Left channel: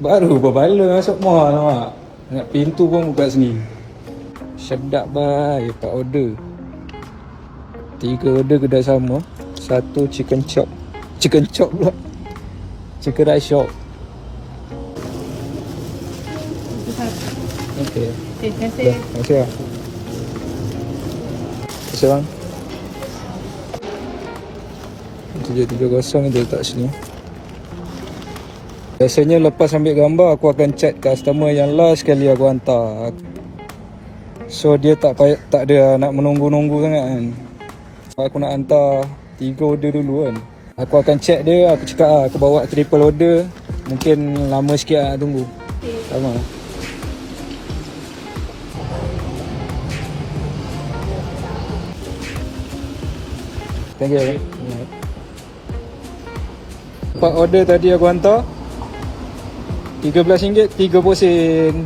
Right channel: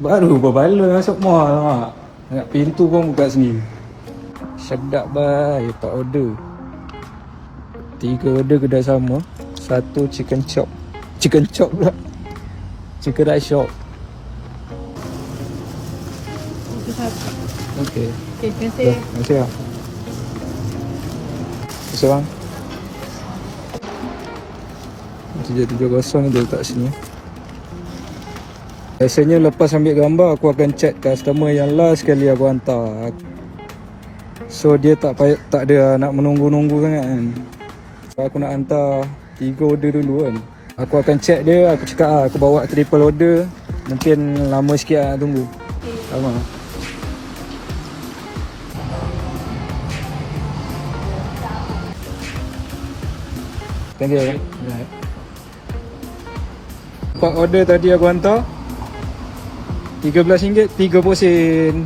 Baru berbaloi masuk mall mak. Nak pintu pun buka sendiri. Sedap baik, 4 order. 3 order kedai sama. 1 chicken chop. Chicken chop pula. Chicken rice shop. Itu saja. Okey. Okey, terima kasih. Dah, terima kasih lah. Terima kasih bang. 770 ni dia letak sini. Biasanya lepas ambil gambar aku akan chat customer yang last sekali aku hantar. So dia tak ada nak menunggu-nunggu sangat kan. So, aku nak hantar 3 order dulu kan. Aku akan check dia, aku cakap aku bawa triple order. Mungkin lama sikit nak tunggu. Sama. Thank you. 4 order tadi aku hantar. RM13, 3 posen.